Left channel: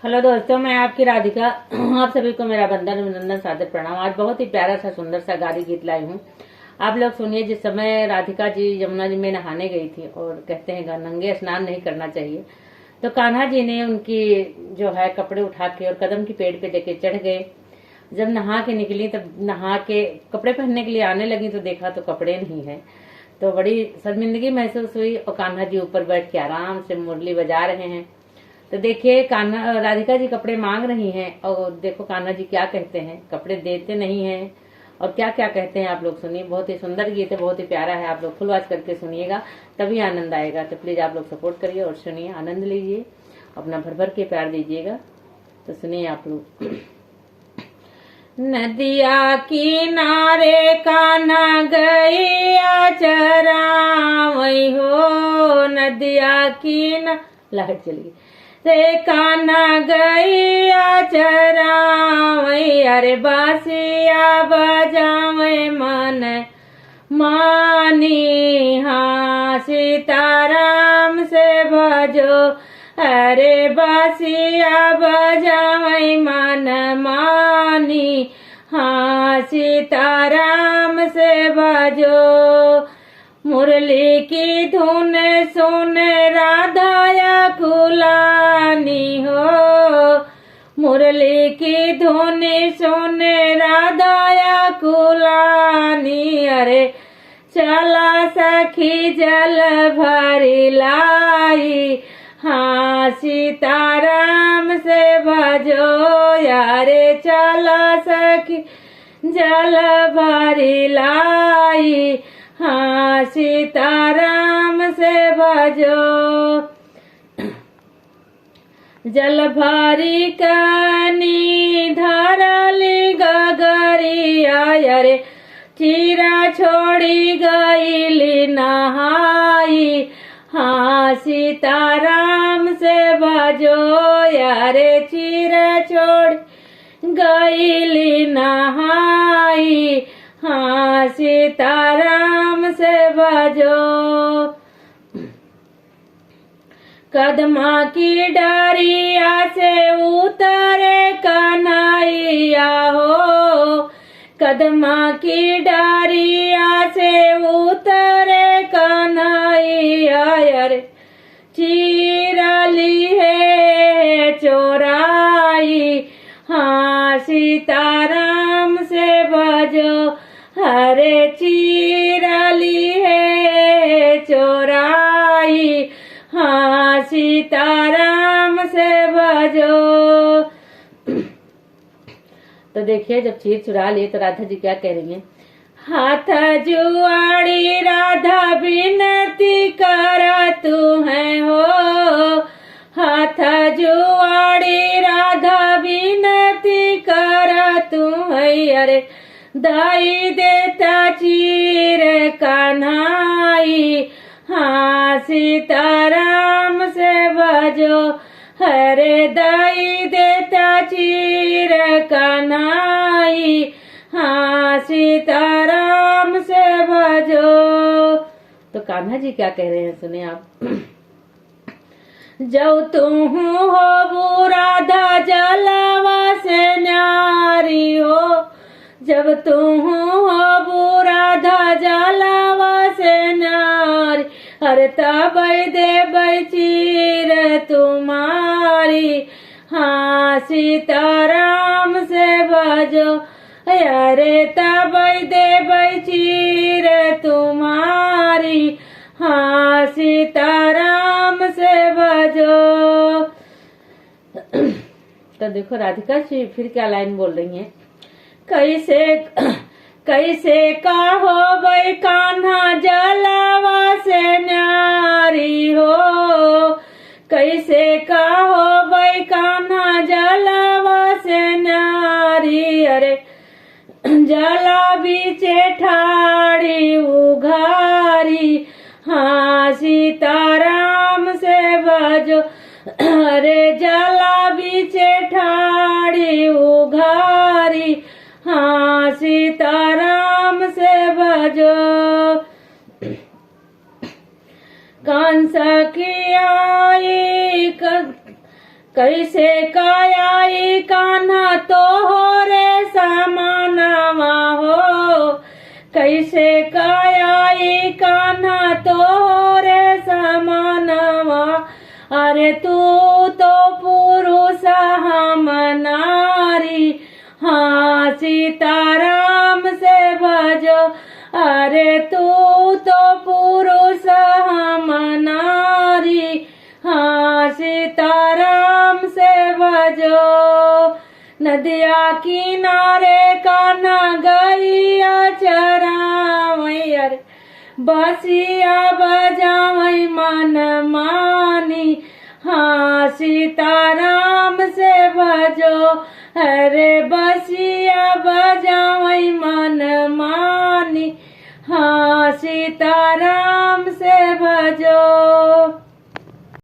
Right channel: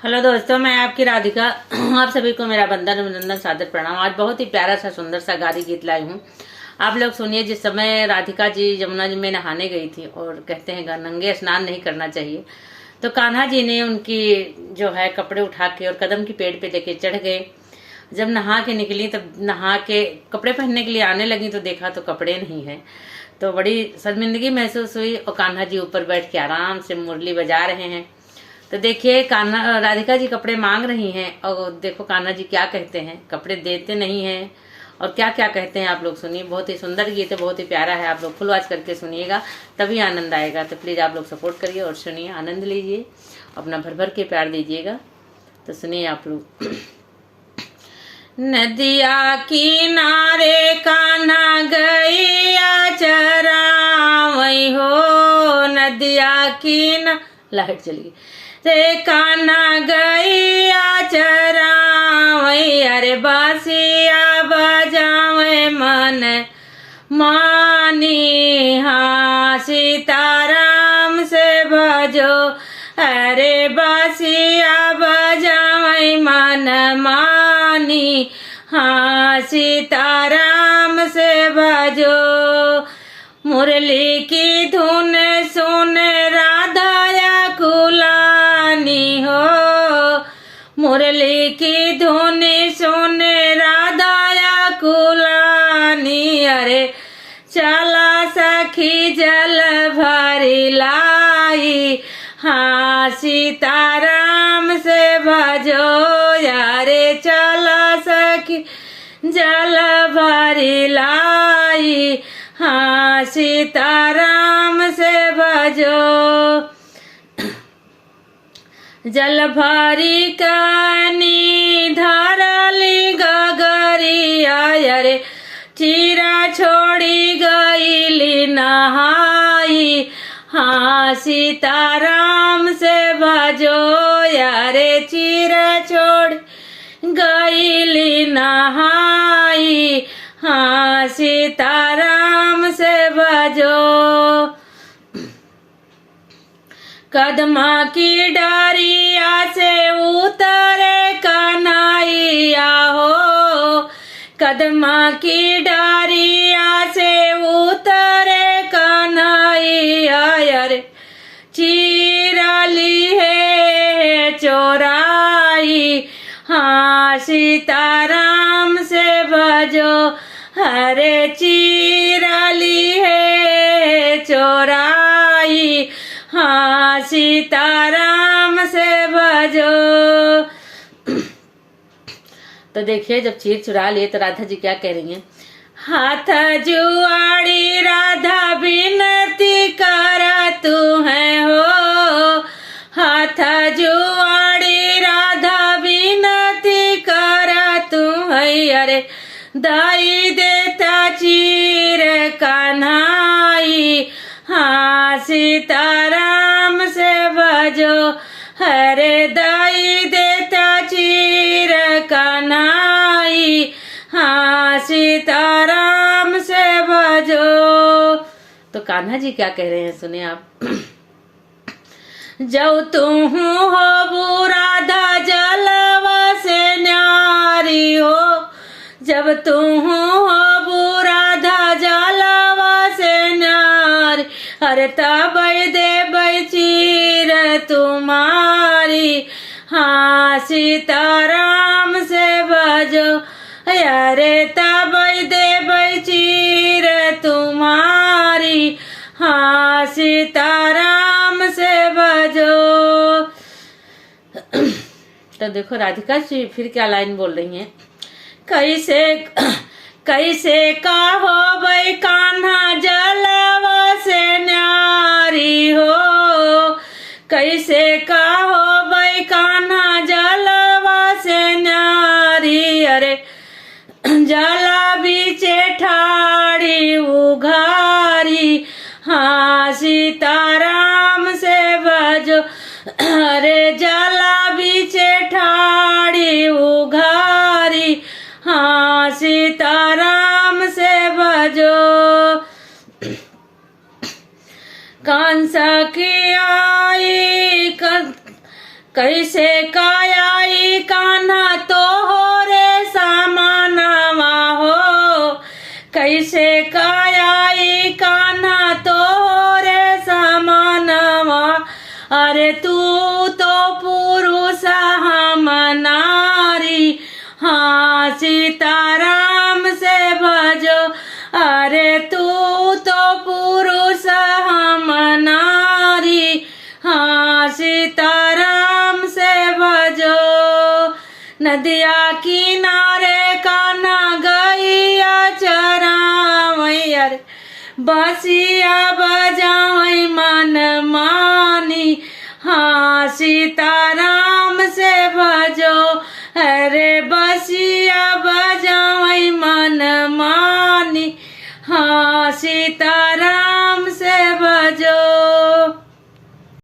Hello दोस्तों, मैं आपकी राधिका। आप सभी को मेरा वंदन अभिनंदन सादर प्रणाम। आज बहुत ही प्यारा सा सुंदर सा गाली गीत लाई हूँ। आप लोग सुनिए। जिस समय राधिका जी यमुना जी में नहाने गई थी और कहते हैं नंगे स्नान नहीं करना चाहिए, तो कान्हा जी ने उनकी जो है कपड़े उठा के और कदम की पेड़ पे लेके चढ़ गए। जब नहा के निकली, तब नहा के कपड़े पहनने के लिए आने लगी तो देखा तो कपड़े नहीं है। तो बड़ी शर्मिंदगी महसूस हुई और कान्हा जी ऊपर बैठ के आराम से मुरली बजा रहे हैं। तो देखिए, कान्हा राधिका जी कपड़े मांग रही हैं और देखो कान्हा जी क्या कहते हैं, कपड़े देते नहीं हैं और क्या क्या कहते हैं। आप लोग सुनिए। बहुत ही सुंदर गीत है, बहुत ही प्यारा है। आप लोग फुल वॉच करके सुनिएगा, तभी आनंद आएगा। तो प्लीज़ आप लोग सपोर्ट करिए और सुनिए, आनंद लीजिए, अपना भर भर के प्यार दीजिएगा। तो सुनिए आप लोग। नदिया किनारे कान्हा गैया चरावई हो, नदिया किनारे लाइट चली गई रे कान्हा गैया चरावई, अरे बासिया बजावे मन मानी, हाँ सीताराम से भजो, अरे बासिया बजावे मन मानी, हाँ सीताराम से भजो। मुरली की धुन सुन राधाया कुलानी हो, मुरली की धुन सुन राधाया कुलानी, अरे चला सखी जल भरी लाई, हाँ सीताराम से भजो, यारे चला सखी जल भरी लाई, हाँ सीताराम से भजो। जल भरी कनी धरली गगरिया, अरे चीरा छोड़ी गईली नहाई, हाँ सीताराम से भजो, यारे चीरा छोड़ी गईली नहाई, हाँ सीताराम से भजो। कदमा की डरिया से उतरे कन्हैया हो, कदमा की डरिया से उतरे कन्हैया, अरे चीरली है चोराई, हाँ सीताराम से भजो, हरे चीरली है चोराई, हाँ सीताराम से भजो। तो देखिए, जब चीर चुरा लिए तो राधा जी क्या कह रही हैं। हाथ जुआड़ी राधा बिनती कर तू है हो, हाथ जुआड़ी राधा बिनती कर तू है, अरे दाई देता चीर कन्हाई, हाँ सीताराम से भजो, हरे दाई देता चीर कन्हाई, हाँ सीताराम से भजो। तो कान्हा जी क्या कह रहे हैं, सुने आप। जो तू हो बुराधा जलवा से न्यारी हो, जब तू हो बुराधा जलवा से न्यारी, अरे तब दे चीर तुम्हारी, हाँ सीताराम से भजो, अरे तब दे चीर तुम्हारी, हाँ सीताराम से भजो। तो देखो राधिका जी फिर क्या लाइन बोल रही हैं। कैसे कैसे का हो भाई कान्हा जलवा से न्यारी हो, कैसे का हो भाई कान्हा जलवा से न्यारी, अरे जला बीचे ठाड़ी उघारी, हाँ सीताराम से भजो, अरे जला बीचे ठाड़ी उघारी, हाँ सीताराम से भजो। कंस की आई कैसे कायाई कान्हा तो हो रे समानवा हो, कैसे कायाई कान्हा तो हो रे समानवा। अरे तू तो पुरुष हम नारी, हाँ सीताराम से भजो। अरे तू तो पुरुष हम नारी, हाँ सीताराम से भजो। नदिया किनारे कान्हा गैया चरावई, अरे बसिया बजावई मन मानी, हाँ सीताराम